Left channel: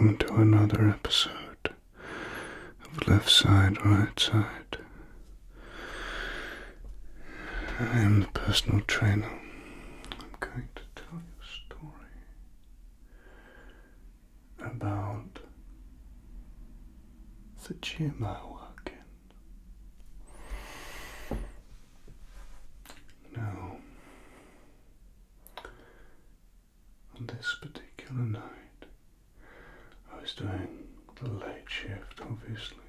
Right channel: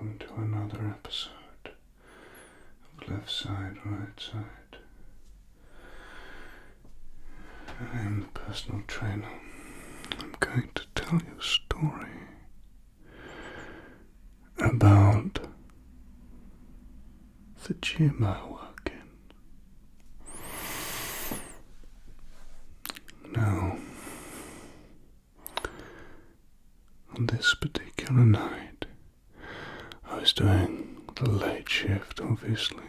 welcome to another episode of Left Side, Right Side. I am the personal trainer. I'm going to tell you a story about the gym I work in. Now, on this particular night, I was doing the late shift, obviously,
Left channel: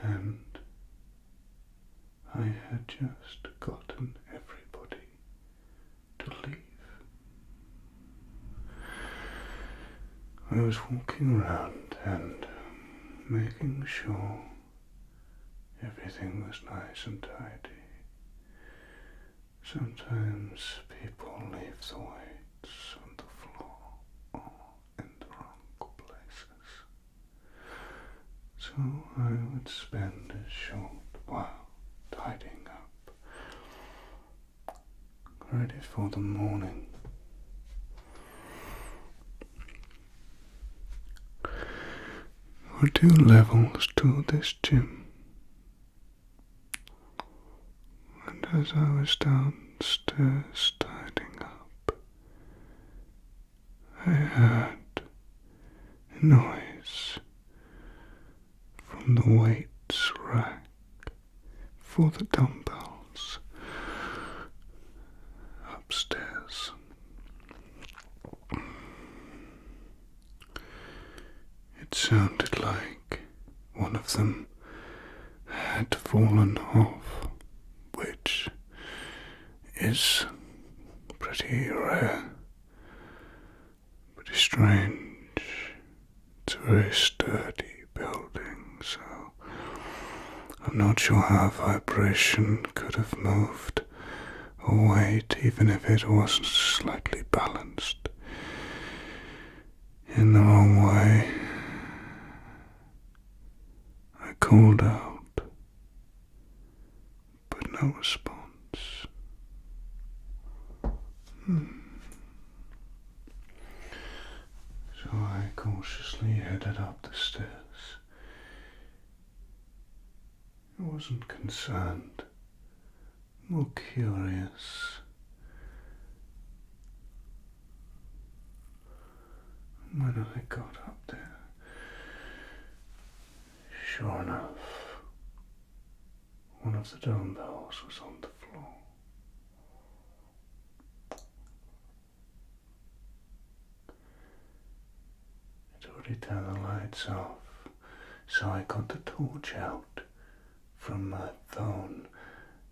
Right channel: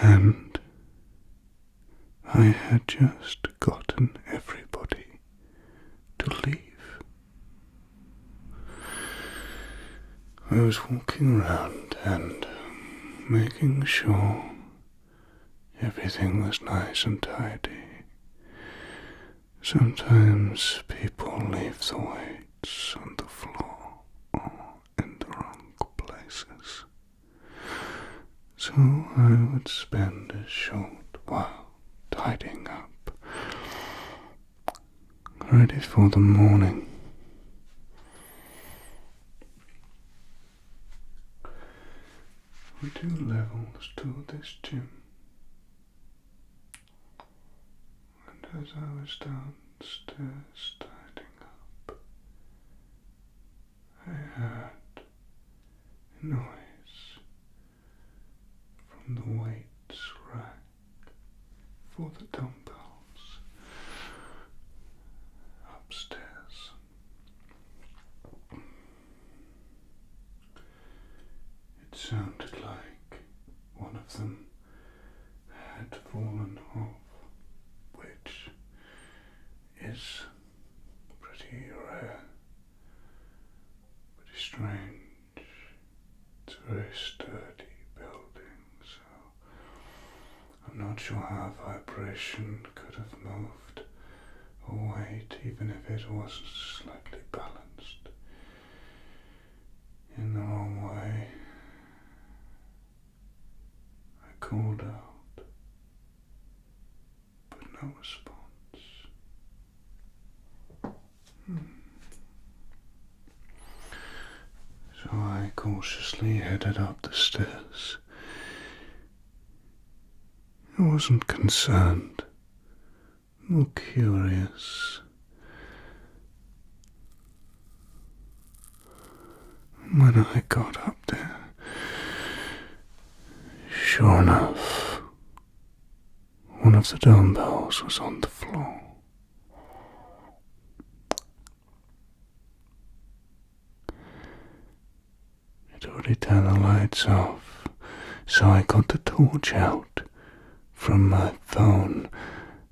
and I had just gotten everybody to leave. I was walking around and making sure everything was nice and tidy. Sometimes people leave the weights on the floor or in the wrong places. So I would spend a short while tidying up, ready for the morning. There were 2 levels to this gym. And as I was downstairs tidying up, I heard a noise from the weights rack for the dumbbells upstairs. It sounded like one of them had fallen off, which is pretty rare, pretty strange. It's a very sturdy building, so I'm not sure how vibration could have moved a weight, even if it wasn't slightly balanced in the wrong way. I called out, but no response. So I cautiously headed up the stairs. I wasn't concerned, more curious. When I got up there, sure enough, one of the dumbbells was on the floor. I'd already turned the lights off, so I got the torch out from my phone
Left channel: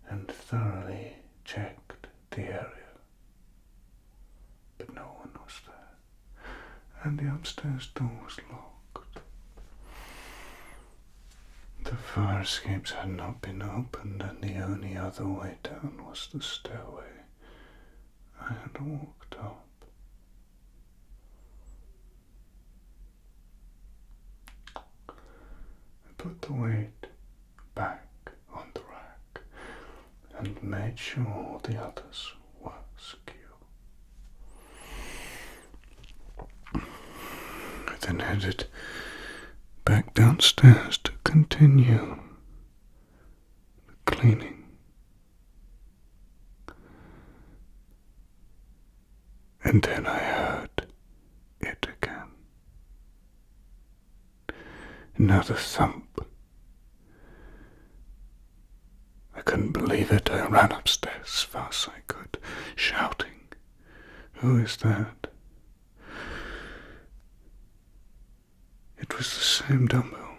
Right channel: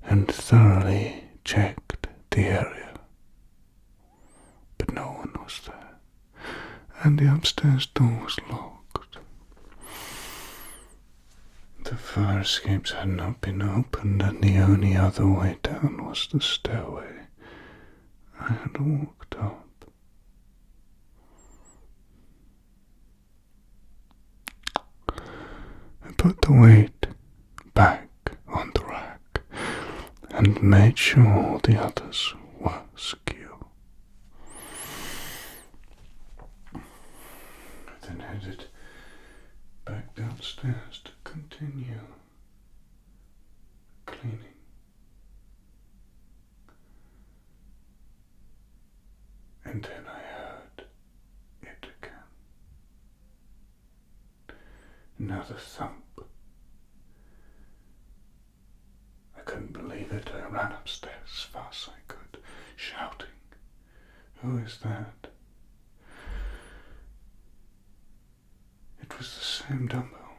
and thoroughly checked the area. But no one was there, and the upstairs door was locked. The fire escapes had not been opened, and the only other way down was the stairway I had walked up. I put the weight back on the rack and made sure all the others were secure. I then headed back downstairs to continue the cleaning. And then I heard it again. Another thump. I couldn't believe it. I ran upstairs as fast as I could, shouting, "Who is that?" It was the same dumbbell.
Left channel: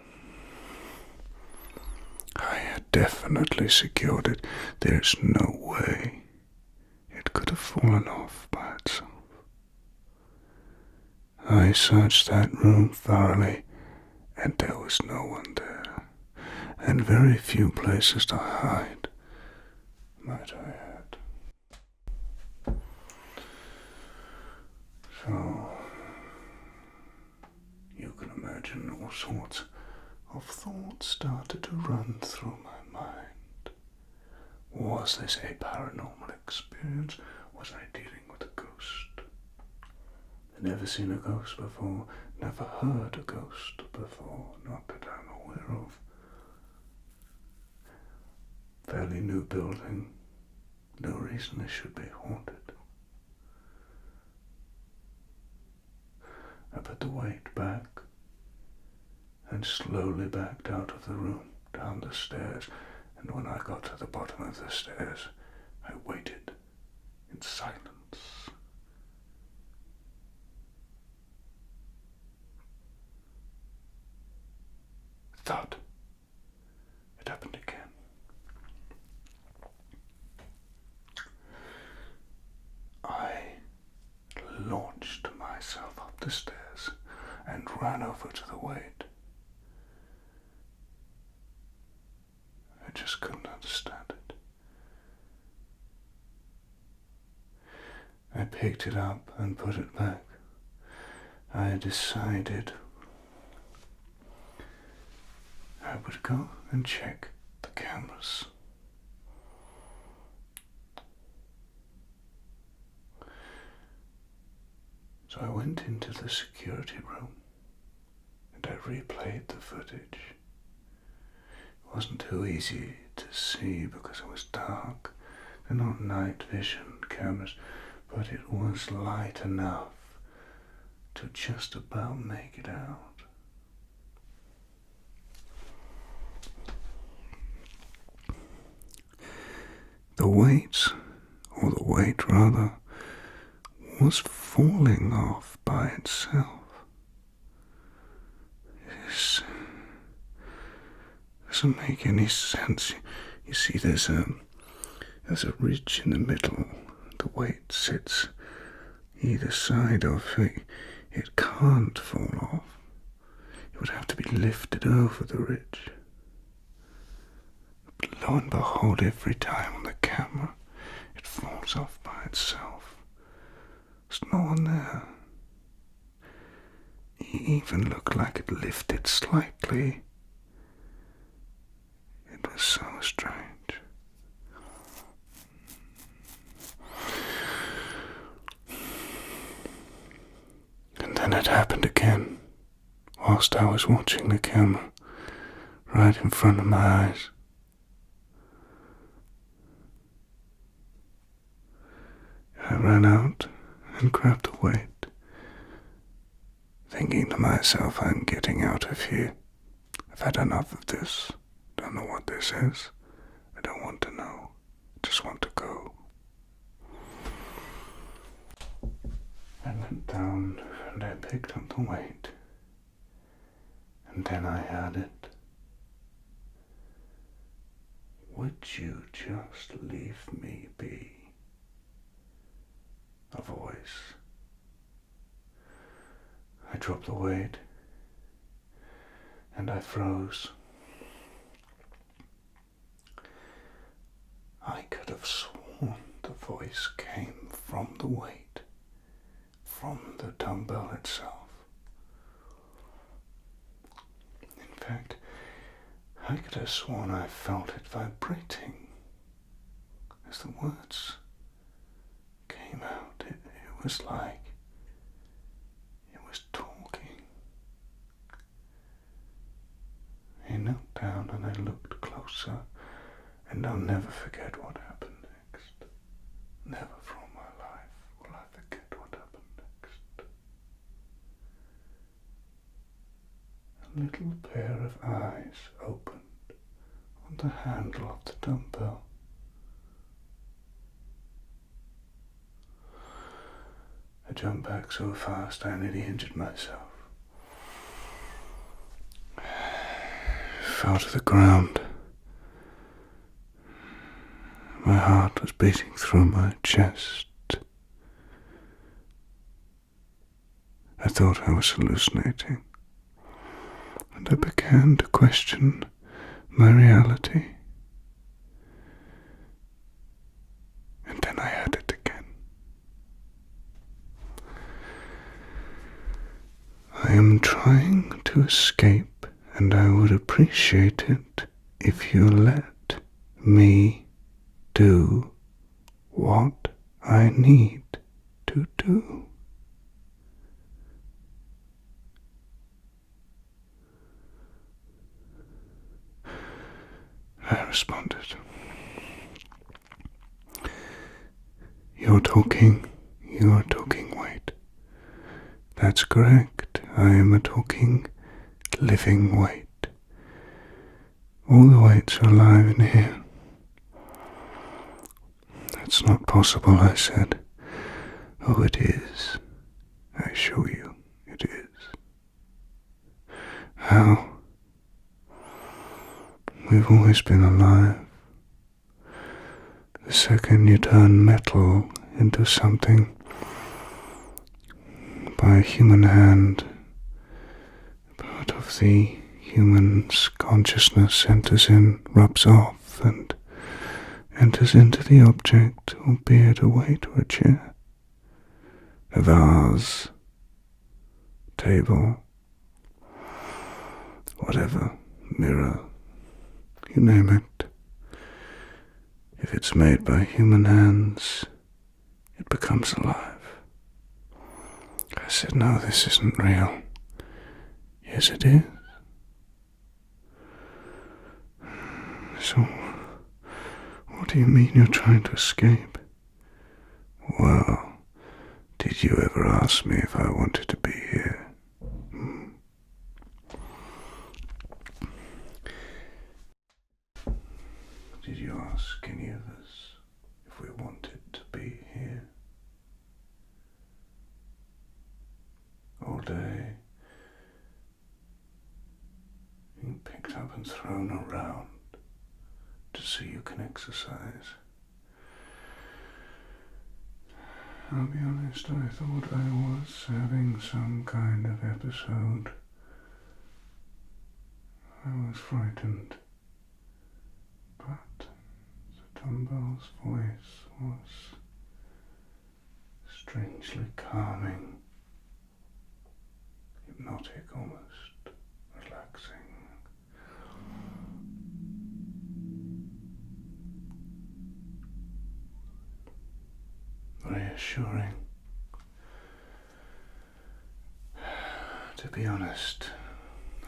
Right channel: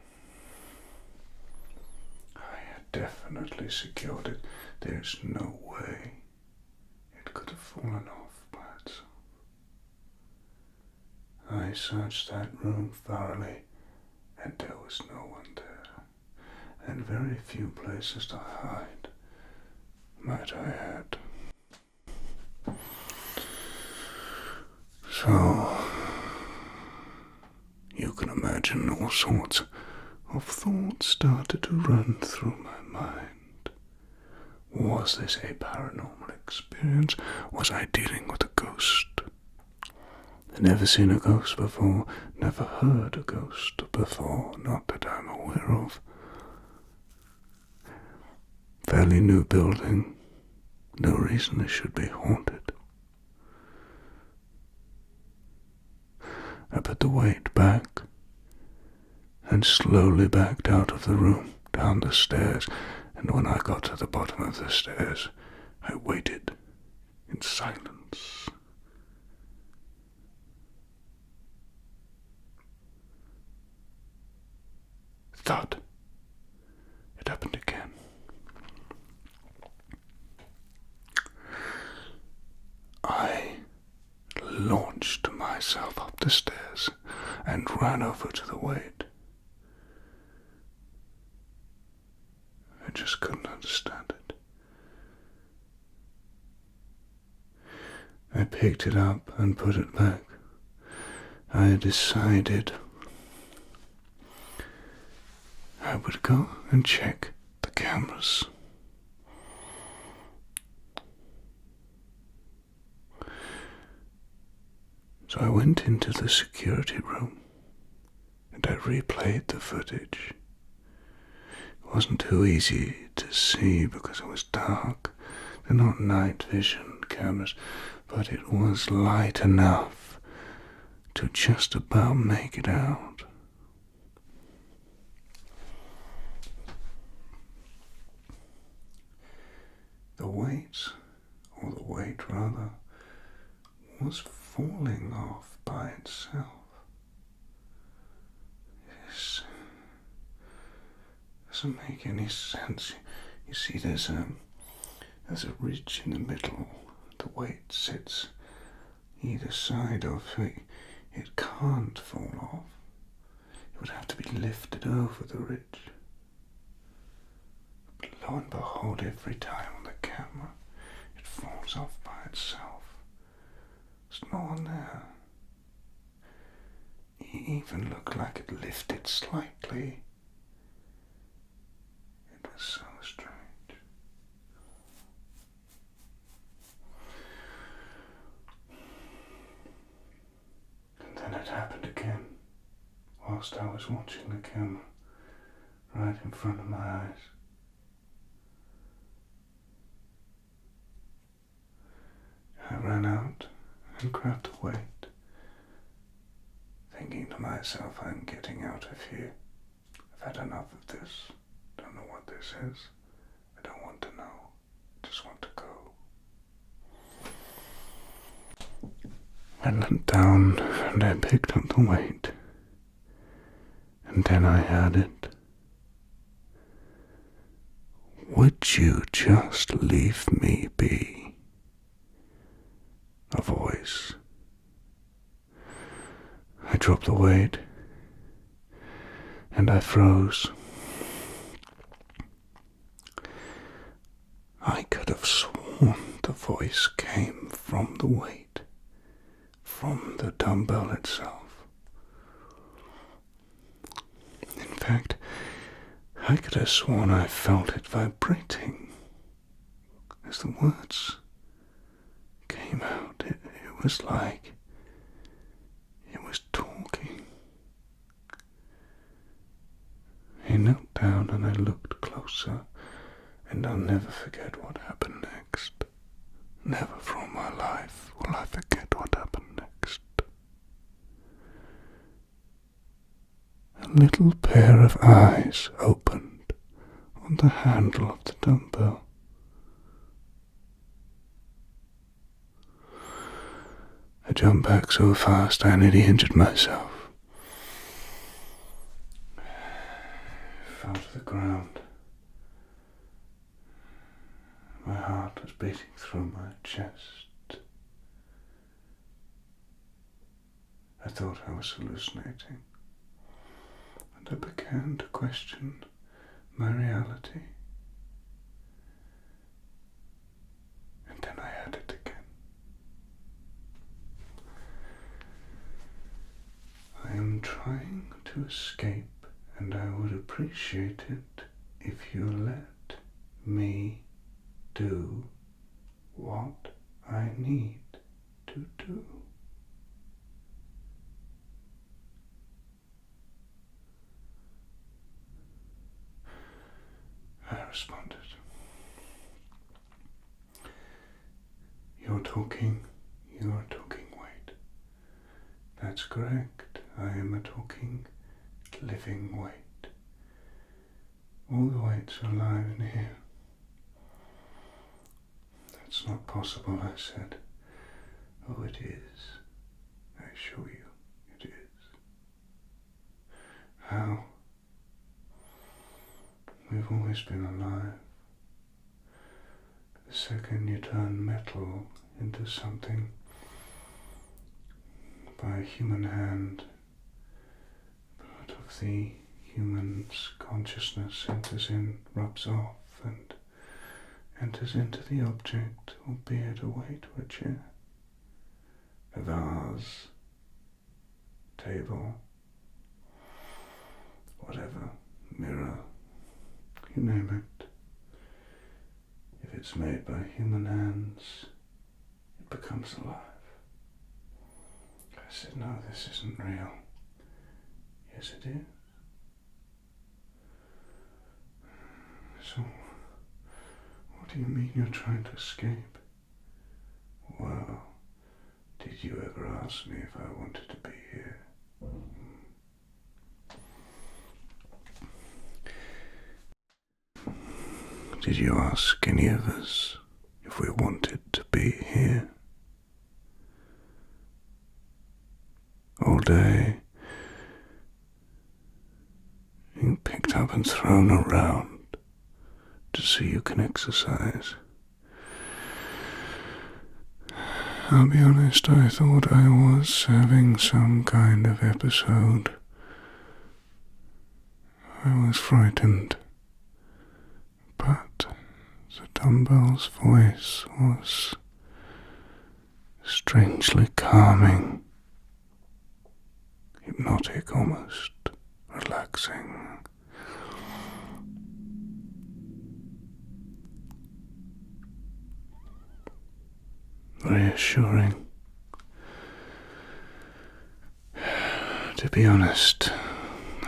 I had definitely secured it. There's no way it could have fallen off by itself. I searched that room thoroughly, and there was no one there, and very few places to hide, might I add. So, you can imagine all sorts of thoughts started to run through my mind. Was this a paranormal experience? Was I dealing with a ghost? I'd never seen a ghost before, never heard a ghost before, not that I'm aware of. Fairly new building, no reason it should be haunted. I put the weight back and slowly backed out of the room, down the stairs, and when I got to the bottom of the stairs, I waited in silence. Thud. It happened again. I launched myself up the stairs and ran over to the weight. I just couldn't understand it. I picked it up and put it back. I decided I would go and check the cameras. So I went into the security room and I replayed the footage. It wasn't too easy to see because it was dark. They're not night vision cameras, but it was light enough to just about make it out. The weight rather, was falling off by itself. This doesn't make any sense. You see, there's a ridge in the middle. The weight sits either side of it. It can't fall off. It would have to be lifted over the ridge. But lo and behold, every time on the camera, it falls off by itself. There's no one there. It even looked like it lifted slightly. It was so strange. And then it happened again, whilst I was watching the camera, right in front of my eyes. I ran out and grabbed the weight, thinking to myself, I'm getting out of here. I've had enough of this. Don't know what this is. I don't want to know. I just want to go. I leant down and I picked up the weight. And then I had it. Would you just leave me be? A voice. I dropped the weight and I froze. I could have sworn the voice came from the weight, from the dumbbell itself. In fact, I could have sworn I felt it vibrating as the words came out. It was like it was talking. He knelt down and I looked closer, and I'll never forget what happened next. Never from my life will I forget what happened next. A little pair of eyes opened on the handle of the dumbbell. I jumped back so fast I nearly injured myself. Fell to the ground. My heart was beating through my chest. I thought I was hallucinating, and I began to question my reality. And then I had it again. I am trying to escape, and I would appreciate it if you let me do what I need to do. responded. You're talking weight. That's correct. I am a talking, living weight. All the weights are alive in here. That's not possible, I said. Oh, it is. I assure you, it is. How? We've always been alive. The second you turn metal into something by a human hand, part of the human's consciousness enters in, rubs off, and enters into the object, albeit a weight or a chair, a vase, table, whatever, mirror, you name it. If it's made by human hands, it becomes alive. I said, no, this isn't real. Yes, it is. So, what do you mean you're trying to escape? Well, did you ever ask me if I wanted to be here? Did you ask any of us if we wanted to be here? All day, you picked up and thrown around to see you can exercise. I'll be honest, I thought I was having some kind of episode. I was frightened, but the dumbbell's voice was strangely calming, hypnotic almost, relaxing. Reassuring. To be honest,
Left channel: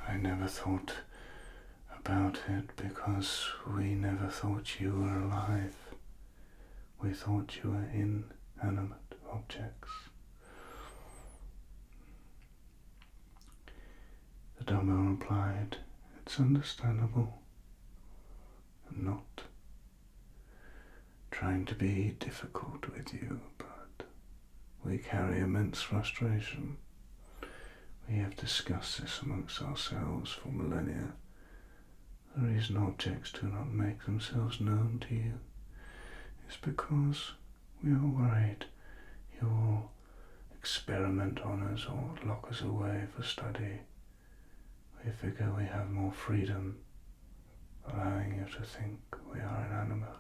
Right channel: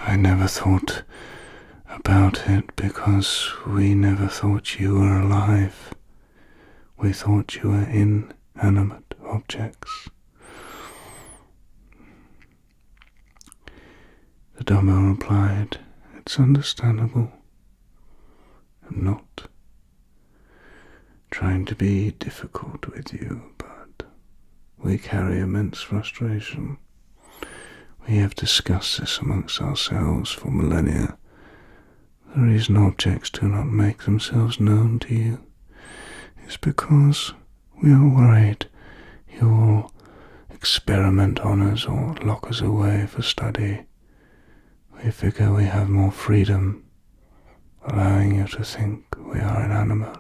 I never thought about it because we never thought you were alive. We thought you were inanimate objects. The dumbbell replied, it's understandable. I'm not trying to be difficult with you, but we carry immense frustration. We have discussed this amongst ourselves for millennia. The reason objects do not make themselves known to you is because we are worried you will experiment on us or lock us away for study. We figure we have more freedom, allowing you to think we are inanimate.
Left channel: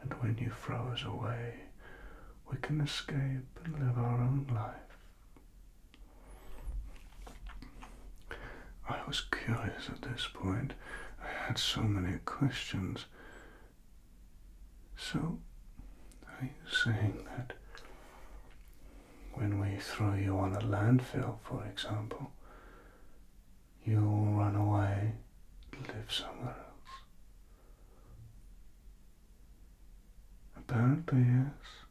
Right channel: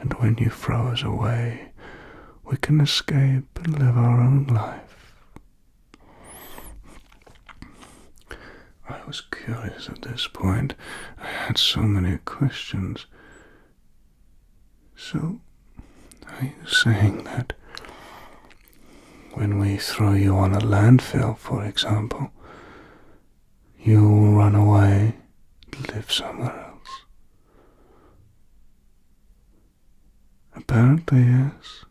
And when you throw us away, we can escape and live our own life. I was curious at this point. I had so many questions. So, are you saying that when we throw you on a landfill, for example, you will run away to live somewhere else? Apparently, yes.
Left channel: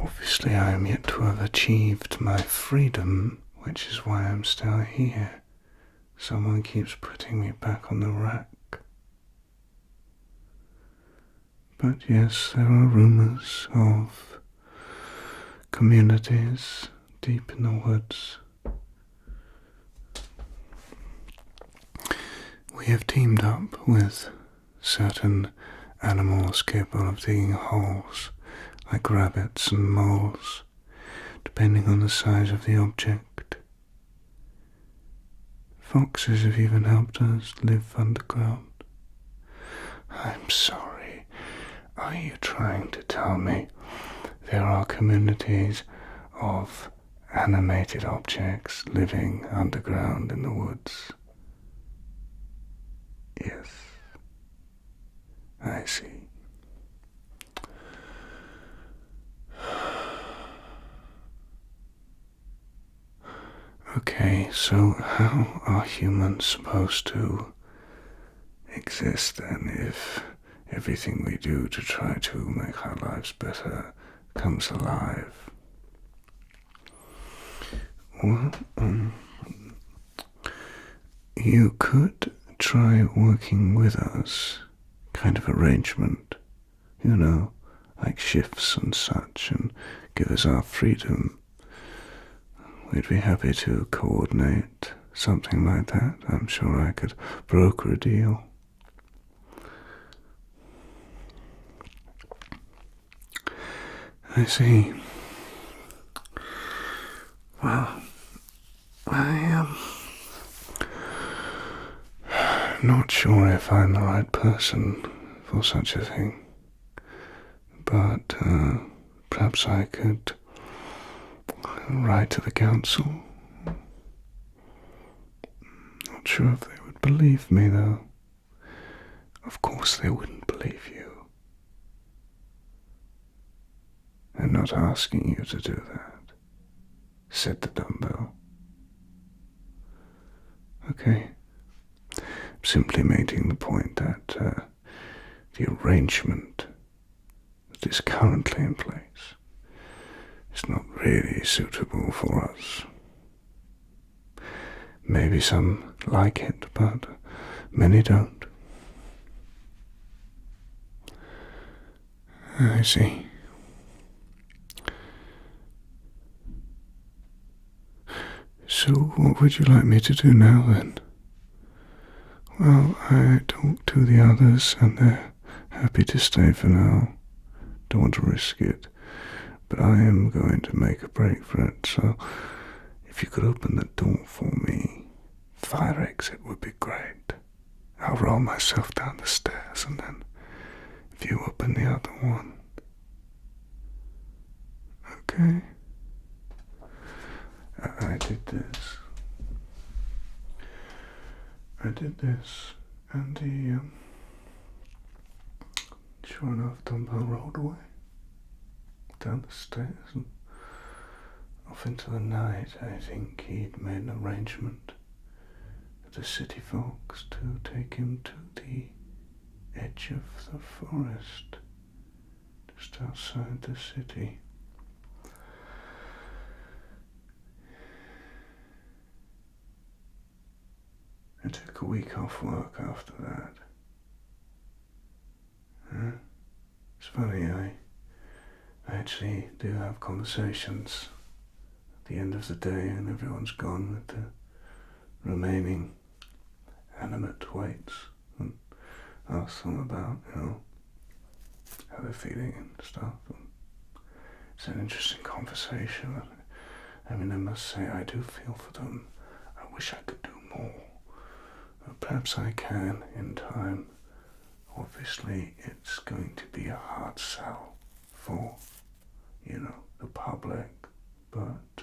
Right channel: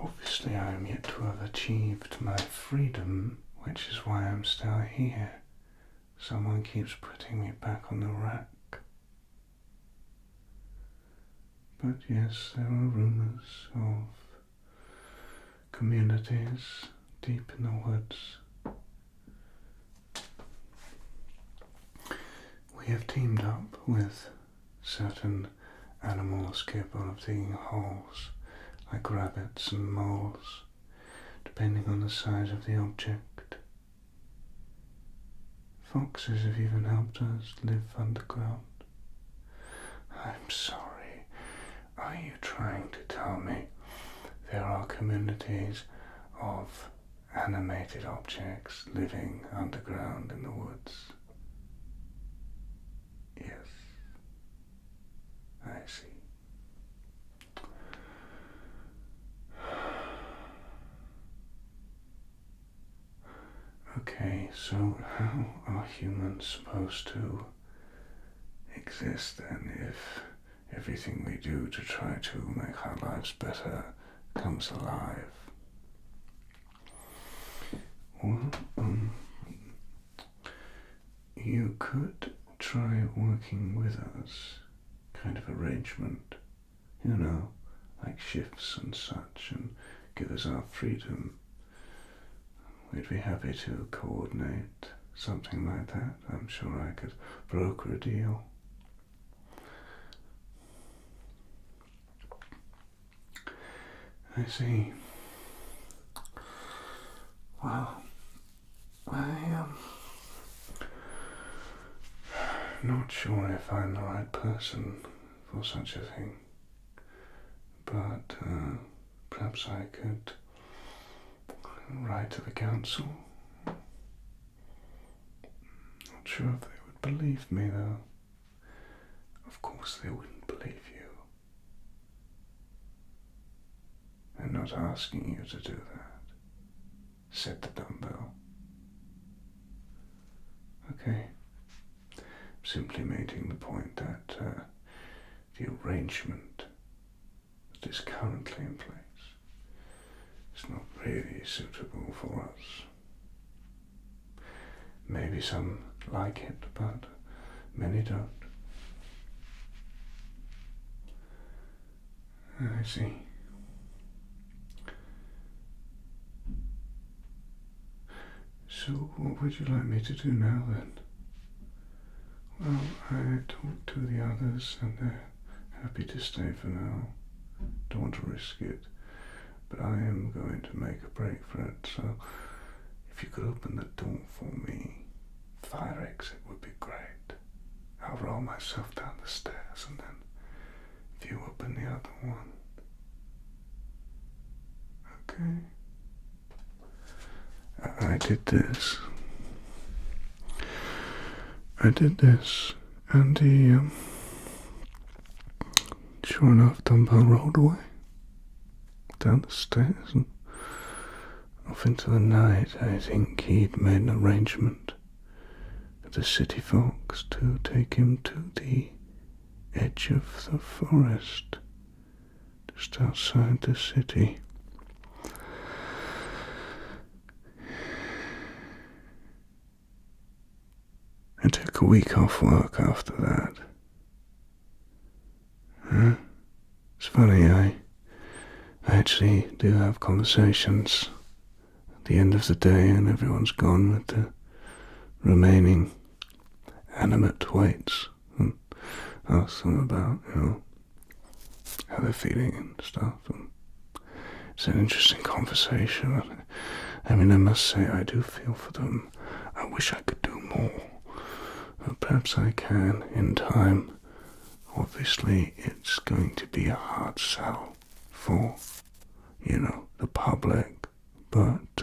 Obviously, I am yet to have achieved my freedom, which is why I'm still here. Someone keeps putting me back on the rack. But yes, there are rumors of communities deep in the woods. We have teamed up with certain animals capable of digging holes, like rabbits and moles, depending on the size of the object. Foxes have even helped us live underground. I'm sorry, are you trying to tell me there are communities of animated objects living underground in the woods? Yes. I see. Okay, so how are humans supposed to exist then if everything we do to try to make our lives better comes alive? Well, you could try working with us, kind of arrangement, like shifts and such, and give us our freedom. We'd be happy to coordinate something like that. I'm sure I could broker a deal. I see. Well, I am not sure if I'm the right person for such a thing, but perhaps I could write to the council. Not sure if they would believe me, though. Of course they wouldn't believe you. I'm not asking you to do that, said the dumbbell. Okay. I'm simply making the point that the arrangement that is currently in place is not really suitable for us. Maybe some like it, but many don't. I see. So what would you like me to do now then? Well, I talked to the others and they're happy to stay for now. Don't want to risk it, but I am going to make a break for it, so if you could open the door for me, fire exit would be great. I'll roll myself down the stairs and then if you open the other one. Okay? I did this, and the, sure enough, dumbbell rolled away, down the stairs, and off into the night. I think he'd made an arrangement with the city folks to take him to the edge of the forest, just outside the city. I took a week off work after that. It's funny, I actually do have conversations at the end of the day and everyone's gone with the remaining animate weights and ask them about, how they're feeling and stuff. And it's an interesting conversation. I mean, I must say I do feel for them. I wish I could do more. Perhaps I can in time. Obviously, it's going to be a hard sell for, the public, but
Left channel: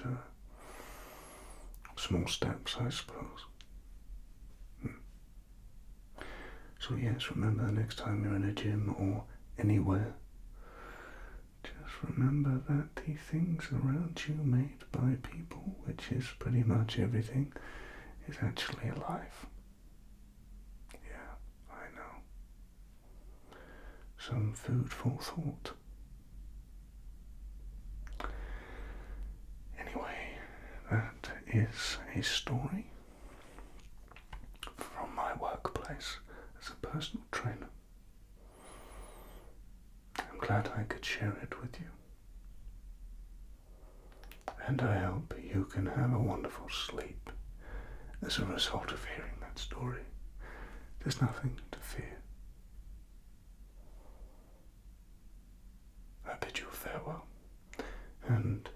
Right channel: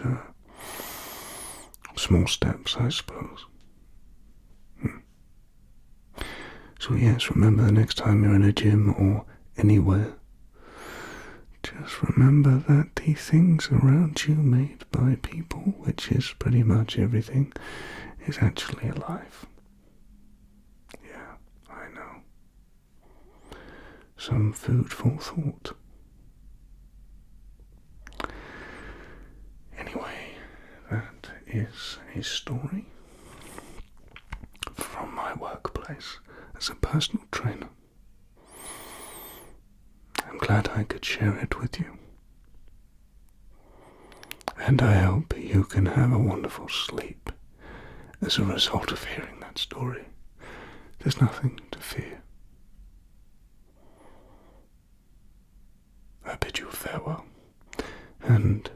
small steps, I suppose. So yes, remember the next time you're in a gym or anywhere, just remember that the things around you made by people, which is pretty much everything, is actually alive. Some food for thought. Anyway, that is a story from my workplace as a personal trainer. I'm glad I could share it with you. And I hope you can have a wonderful sleep as a result of hearing that story. There's nothing to fear. I bid you farewell, and